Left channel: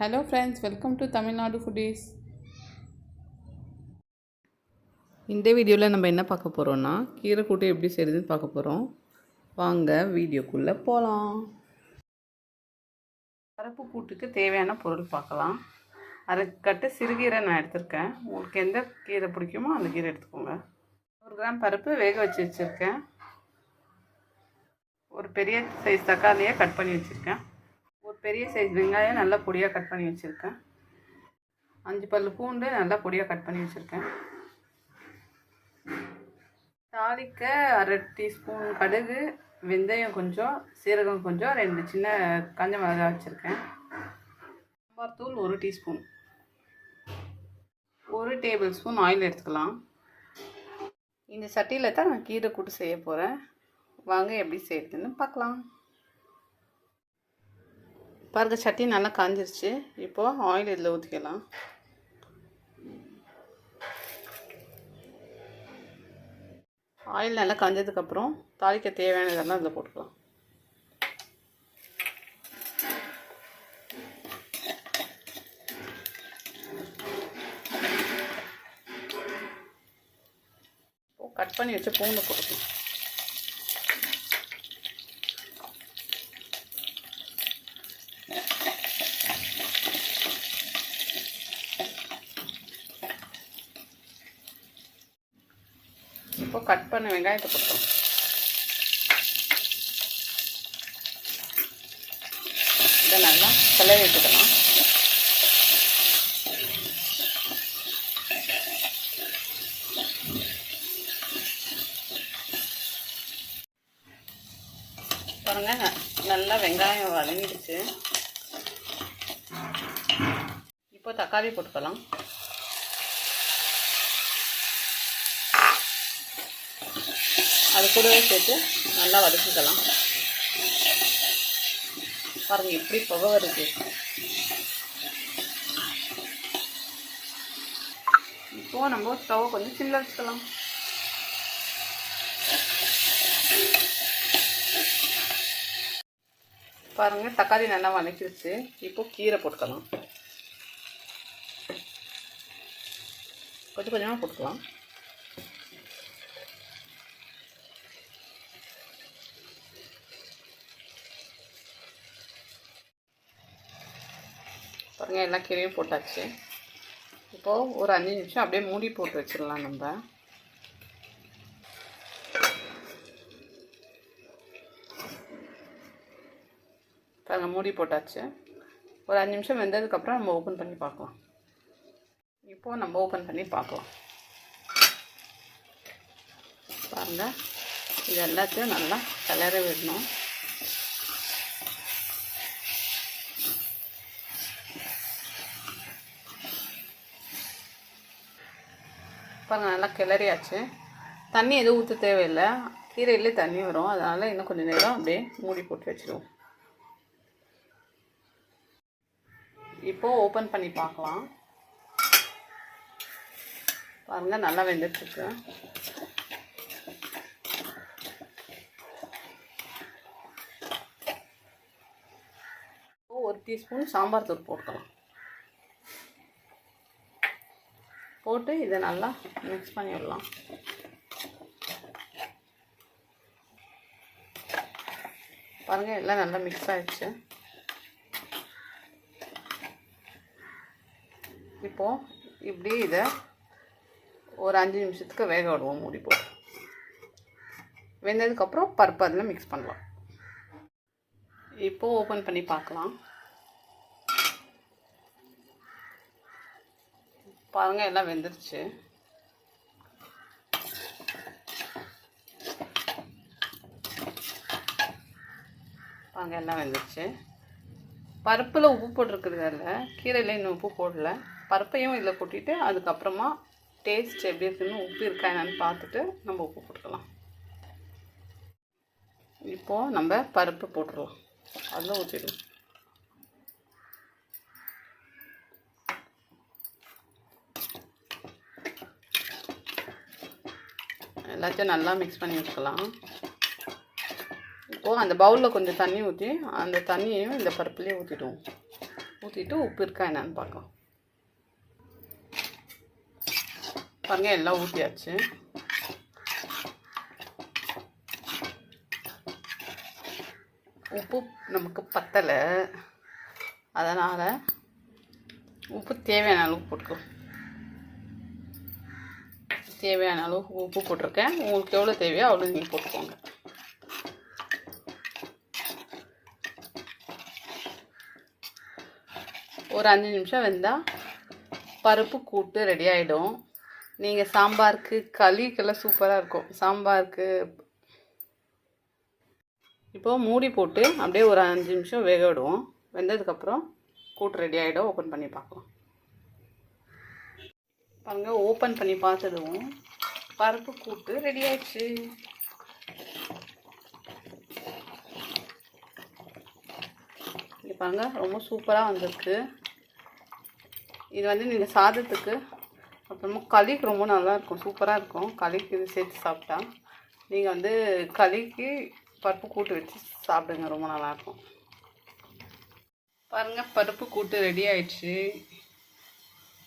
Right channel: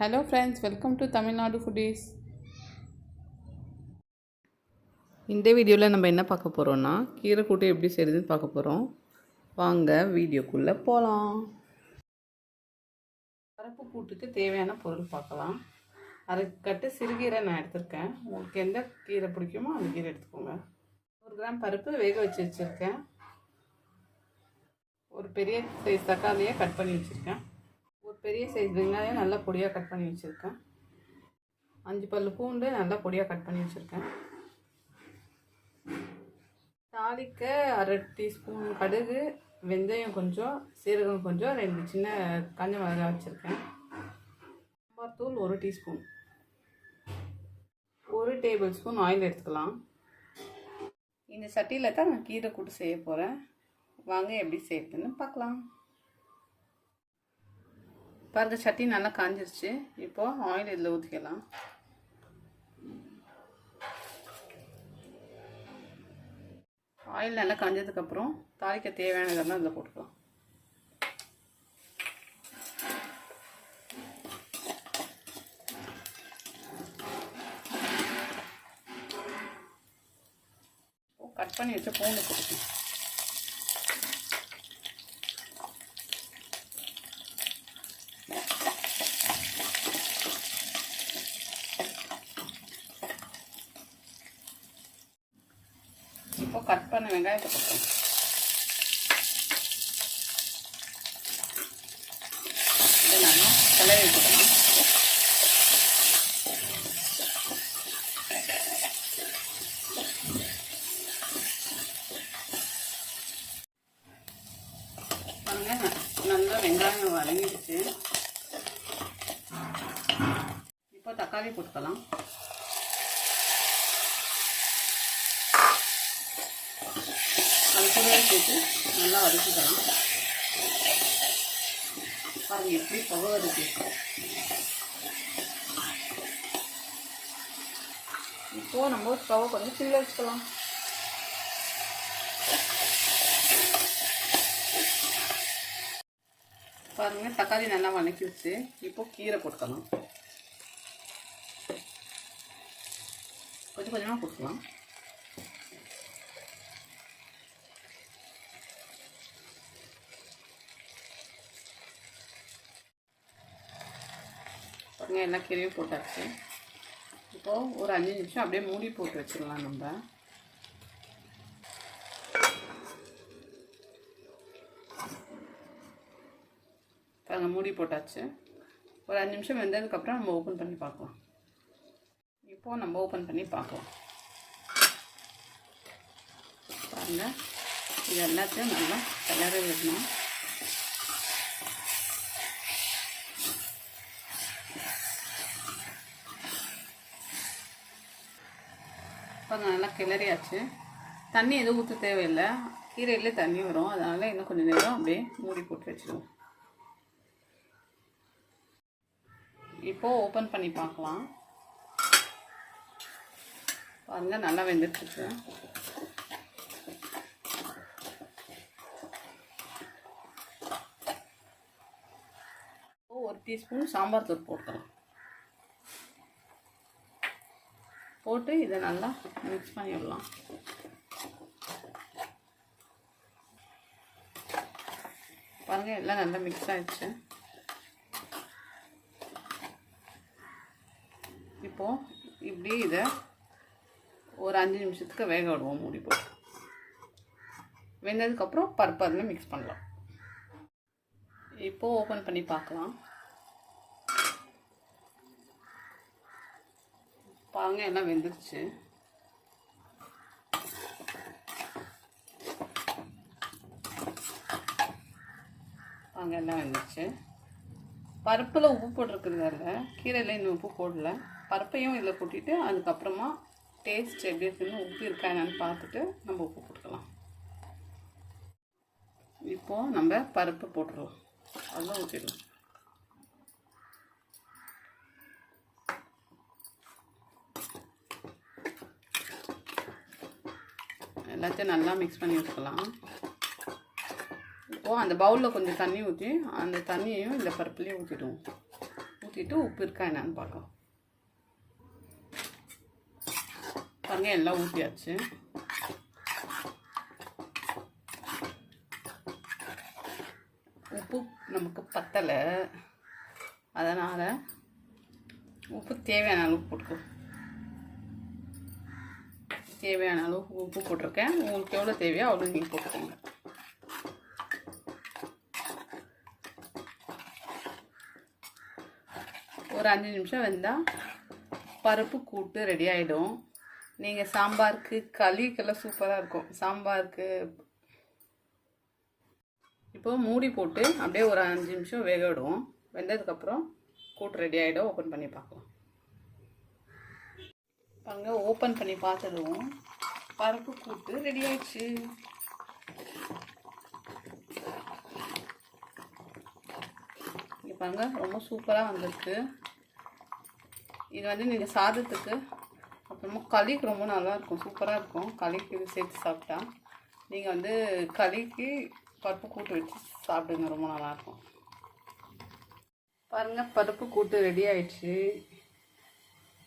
Hello friends, welcome to Tamil Nadu Foodies. இந்த வீடியோவில் நம்ம என்ன பார்க்க போகிறோம்னா கீரை கூட்டு எப்படி செய்கிறதுன்னு பார்க்க போகிறோம். வாங்க வீடியோக்குள்ளே போகலாம். பருப்பு கூட்டுக்கு தேவையான பொருள் பார்க்கலாம். அரைக்கட்டு சிறுகீரை நான் எடுத்திருக்கேன். உங்களுக்கு எந்த கீரை பிடிக்குமோ அந்த கீரை எடுத்துக்கோங்க. 100 கிராம் பருப்பு வேக வச்சுருக்கேன். ஒரு பெரிய சைஸ் தக்காளியை கட் பண்ணி வச்சுருக்கேன். ஒரு பெரிய சைஸ் வெங்காயம் நல்லா பொடியாக கட் பண்ணி வச்சுருக்கேன். 5 பல் பூண்டு நல்லா பொடியாக கட் பண்ணி வச்சுருக்கேன். தாளிக்க 1/2 டீஸ்பூன் கடுகு, வெந்தயம் கொஞ்சம், சீரகம் கொஞ்சம், 2 சின்ன காஞ்ச மிளகாய் வச்சுருக்கேன். சாம்பார் தூள் 1 டீஸ்பூன், 1 டேபிள் ஸ்பூன் ஆயில் எடுத்துக்கலாம். இந்த சட்டியில் தான் நான் கீரை கூட்டு செய்ய போகிறேன். வாங்க எப்படி செய்யறதுன்னு பார்க்கலாம். பாருங்க, சட்டி நல்லா காஞ்சிருச்சு. இப்போது ஆயில் இதில் ஊற்றிக்கலாம். ஆயில் நல்லா காஞ்சதுக்கப்புறம் தாளிக்க தேவையான இதெல்லாம் இதில் போட்டுக்கலாம். கட் பண்ணி வச்ச பூண்டு போட்டுக்கலாம். இப்போ கட் பண்ண வெங்காயத்தை போட்டுக்கலாம். இதை நல்லா கிளறி விட்டுக்கலாம். பாருங்க, நல்லா வெங்காயம் வதங்கிடுச்சு. இப்போ தக்காளி போட்டுக்கலாம். அது கூடவே சேர்த்து நல்லா வதக்கிக்கலாம். பாருங்கள் எப்படி புகை வருது. இப்போது நம்ம ஸ்டவ்வை கொஞ்சம் சிம்மில் வச்சுக்கலாம். பாருங்கள், தக்காளி நல்லா வதக்கிடுச்சு. இப்போது கீரை போட்டுக்கலாம். கொஞ்சம் கொஞ்சமாக போட்டுக்கலாம். பாருங்கள், எல்லா கீரையும் போட்டாச்சு. இப்போது ஒரு 5 நிமிஷம் அப்படியே மூடி போட்டு வச்சிடலாம். நம்ம பாருங்கள், மூடி போட்டாச்சு. ஒரு 5 நிமிஷம் வெந்ததுக்கப்புறம் நம்ம ஓப்பன் பண்ணி பார்க்கலாம். இப்போது நம்ம ஓப்பன் பண்ணி பார்க்கலாம். பாருங்கள், இது எல்லாத்தையும் நல்லா கிளற விடணும். பாருங்கள், நல்லா கிளறியாச்சு. தண்ணி எதுவும் ஊற்ற தேவையில்லை. கீரையிலே தண்ணி வரும். அதனால் இன்னும் கொஞ்சம் நேரம் அப்படியே மூடி போட்டு வச்சுருவோம். இப்போது ஓப்பன் பண்ணி பார்க்கலாம். பாருங்கள், நல்லா வெந்துட்டுருக்கு. ஒரு டீஸ்பூன் சாம்பார் தூள் போட்டுக்கலாம். போட்டு இதை நல்லா மிக்ஸ் பண்ணி விடலாம். பாருங்கள், எல்லாம் நல்லா மிக்ஸ் ஆகிடுச்சு. இப்போது இப்படி இதை ஒரு 5 நிமிஷத்துக்கு வேக விடுவோம் மூடி போட்டு. வெந்ததுக்கப்புறம் பருப்பு அதில் மிக்ஸ் பண்ணலாம். இப்போது ஓப்பன் பண்ணி பார்க்கலாம். பாருங்கள், எல்லாம் வெந்துருச்சு. பாருங்கள், எல்லாம் வெந்துருச்சு. பருப்பில் உப்பு போட்டிருக்கிறதால கீரையில் இன்னும் உப்பு போடல. பருப்பையும் இதில் கொட்டிட்டு அதுக்கப்புறமா டேஸ்ட் எப்படி இருக்குன்னு, உப்பு இருக்கா என்னன்னு பார்த்துட்டு நம்ம உப்பு போட்டுக்கலாம். இப்போது நம்ம பருப்பு போட்டுடலாம். அதில் ஊற்றிடுவோம். எல்லாத்தையும் நல்லா மிக்ஸ் பண்ணி வச்சுக்கலாம். இப்போது அந்த பவுலில் கொஞ்சம் தண்ணி ஊற்றி அந்த தண்ணியையும் இந்த பருப்புலேயே ஊற்றிடுவோம். ஊற்றிட்டு உப்பு இருக்கா என்னன்னு பார்க்கலாம். பாருங்கள், எல்லாம் ஊற்றியாச்சு. உப்பு நமக்கு பத்தலை, அதனால் உப்பு தேவையான அளவு போட்டுக்கோ. தேவையான அளவு உப்பு போட்டிருக்கேன். உங்களுக்கு எவ்வளோ தேவையோ அவ்வளோ நீங்கள் போட்டுக்கோங்க. ஒரு 5 நிமிஷம் வெந்தால் பருப்பு கூட்டு ரெடி ஆகிடும். நீங்கள் சாம்பாருக்கு களிக்கெல்லாம் சூப்பராக இருக்கும். சாம்பாருக்கு இப்போது மூடி போட்டு அப்படியே ஒரு 5 நிமிஷம் வேக விடுவோம். வெந்ததுக்கப்புறம் கூட்டு ரெடி ஆகிடும். ஓப்பன் பண்ணி பார்க்கலாம். பாருங்கள், ஓப்பன் பண்ணி பார்த்ததும் பருப்பு கூட்டு ரெடி ஆயிடுச்சு. இங்கே பாருங்கள், ரொம்ப சூப்பராக வந்திருக்கு. இது வந்து நீங்கள் சாதத்துக்கு அப்புறமா களிக்கு ரொம்ப நல்லாயிருக்கும், சூப்பராக இருக்கும். களிக்கு இது சேர்த்து சாப்பிட்டா நீங்கள் வந்து களிக்கு பருப்பு கூட்டு வச்சு சாப்பிடுங்க, ரொம்ப நல்லாயிருக்கும். பாருங்கள், பருப்பு கூட்டு ரெடி ஆயிடுச்சு.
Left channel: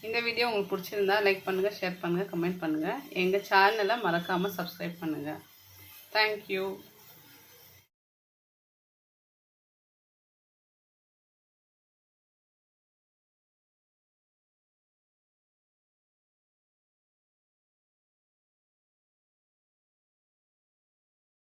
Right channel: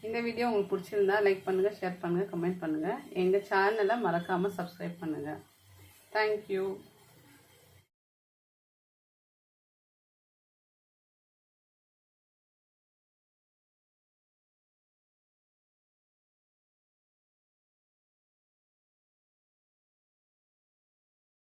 இந்த வீடியோ உங்களுக்கு பிடிச்சிருந்தா லைக் பண்ணுங்கள், ஷேர் பண்ணுங்கள், கமெண்ட் பண்ணுங்கள். எங்கள் சேனலை மறக்காமல் சப்ஸ்கிரைப் பண்ணுங்கள். தேங்க்யூ.